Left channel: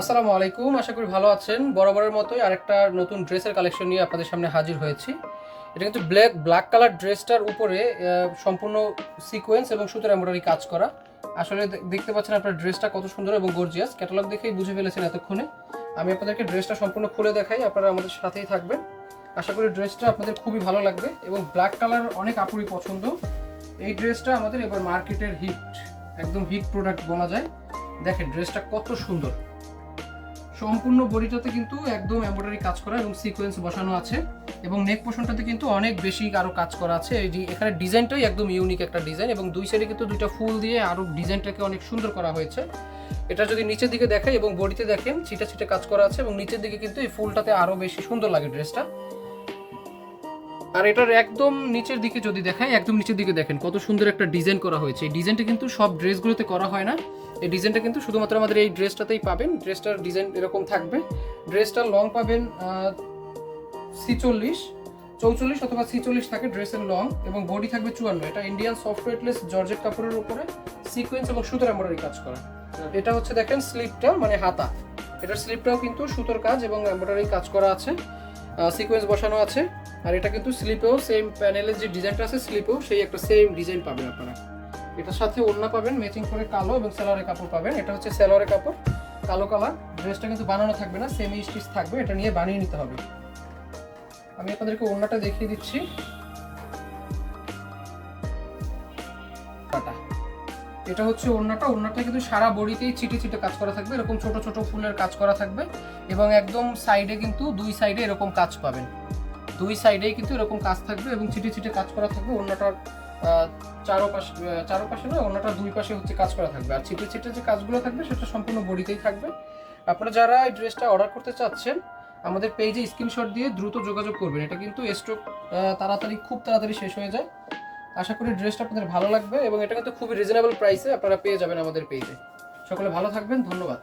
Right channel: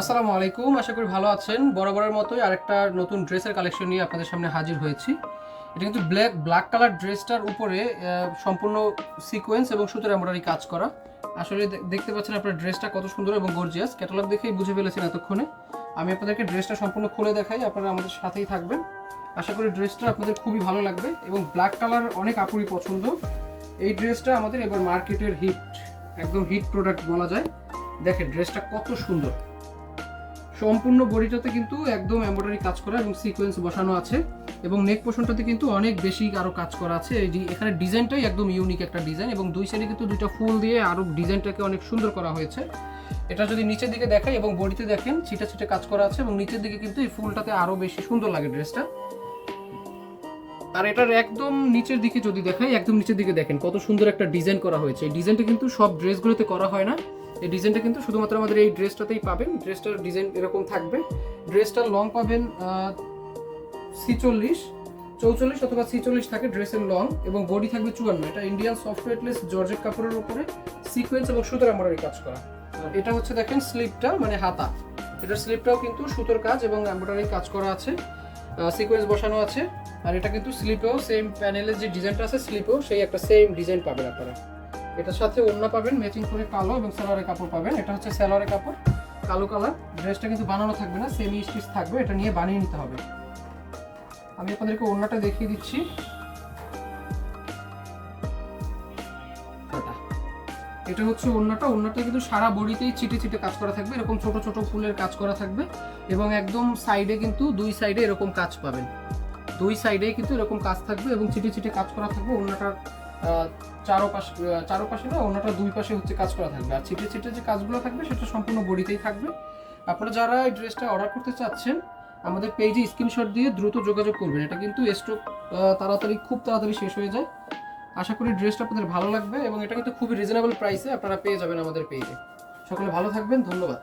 আসসালামু আলাইকুম, আশা করি ভালো আছেন। বরাবরের মতোই আরেকটা নতুন ড্রেসের কালেকশন নিয়ে আপনাদের সামনে হাজির হয়েছি। এটা কিন্তু ব্ল্যাক কালার ড্রেসটার উপরে সম্পূর্ণ সিকোয়েন্স এবং সুতার এমব্রয়ডারি কাজ করা। আসলে দেখতে পাচ্ছেন আপনার ড্রেসটা কত সুন্দর এবং গর্জিয়াস। ক্যাটালগ দেখেই বুঝে ফেলেছেন এতক্ষণে। আমি আপনাদেরকে ড্রেসটা সম্পূর্ণ খুলে দেখাই, আপনারা আমাদের সাথেই থাকবেন। আশা করি ড্রেসটা আপনাদের খুবই ভালো লাগবে এবং ব্ল্যাক কালার অনেক আপুরই পছন্দ। এই ড্রেসটা আমাদের এবার মার্কেটের হিট, একদম হিট প্রোডাক্ট বলা যায়। দেখেন ড্রেসটা কত সুন্দর, সম্পূর্ণ বডিটাতে কিন্তু একদম এমব্রয়ডারি কাজ করা এবং সিকোয়েন্স বসানো আছে এবং নেক পোর্শনটাতে কিন্তু অনেক বেশি আরো কাজ করা আছে। এই এখানে ডিজাইনটাই একদম ইউনিক একটা ডিজাইন এবং দুই সাইডে কিন্তু দুইটা ফুল দিয়ে আরো ডিজাইনটাকে অনেক সুন্দর করা হয়েছে। এটা যদি নিচের দিকে দেখাই এবং বডিতে দেখেন ছিটা ছিটে কাজ করা আছে এবং নিচের দিকে কিন্তু এই ফুলটাতে আরো বেশি সুন্দর লাগে ড্রেসটা। আর এটার একদম নিচের দিকে যদি দেখাই, একদম নিচের দিকে দেখেন কত সুন্দর একটা ডিজাইন করা হয়েছে। এই ডিজাইনটা কিন্তু সব ড্রেসগুলোতে করা হয় না, এই ডিজাইনটা কিন্তু শুধুমাত্র আমাদের এই ড্রেসটাতেই পাবেন। ড্রেসটার ডিজাইন এরকম থাকবে। ড্রেসটার লং পাবেন 46, 44 অথবা 46 থাকে ড্রেসের লং এবং বডি থাকবে 54। এটা ইন্ডিয়ান সফট ওয়েটলেস জর্জেট কাপড়ের উপরে সিকোয়েন্স এবং সুতার এমব্রয়ডারি কাজ করা। এটা হচ্ছে দেখেন স্লিপটা, মানে হাতা, এটার স্লিপটাও কিন্তু সুতোর কাজ এবং এমব্রয়ডারি কাজ করা আছে, সিকোয়েন্স বসানো আছে। আর এটা কিন্তু স্লিপেও সেম প্যানেলের যে ডিজাইনটা আছে স্লিপেও সেই একটা সেম ডিজাইন পাবেন আপনারা। এটার সাথে ওড়না পাবেন ম্যাচিং করে কালো এবং সালোয়ারের কাপড় পাবেন। এটা হচ্ছে সালোয়ারের কাপড়, কালো কালার। ড্রেসটা কিন্তু বানানো থাকবে না, সেমি স্টিচ থাকবে, এটা নিয়ে বানিয়ে নিতে হবে। আমি আপনাদেরকে ওড়নাটা দেখিয়ে দিচ্ছি। এটা হচ্ছে ওড়নাটা। ওড়নাটা কিন্তু সারা বডিতেই ছিটে ছিটে কাজ করা থাকবে, এরকম ছোট ছোট ফুলের কাজ করা থাকবে এবং একদম সাইডে কিন্তু দুই সাইডে এরকম কাজ পাবেন। দুই সাইডেই কিন্তু এরকম কাজ থাকবে এবং ছিটে ছিটে কাজ করা থাকবে। ওড়নাটার চারোপাশে না, ওড়নাটার দুই পাশে হচ্ছে কাজ করা থাকবে। আর ছিটে ছিটে যে কাজগুলো থাকবে সেটা সম্পূর্ণ বডিতেই থাকবে। আপনারা যারা এই ড্রেসটা অর্ডার করতে চাচ্ছেন আমাদের পেজে স্ক্রিনশট দিয়ে দ্রুত যোগাযোগ করবেন। এটা কিন্তু স্টক খুব তাড়াতাড়ি শেষ হয়ে যায়। আশা করি ড্রেসটা আপনাদের ভালো লাগবে এবং এটা কিন্তু খুবই রিজনেবল প্রাইসে আপনারা পেয়ে যাবেন আমাদের পেজে। সকলে ভালো থাকবেন, ধন্যবাদ।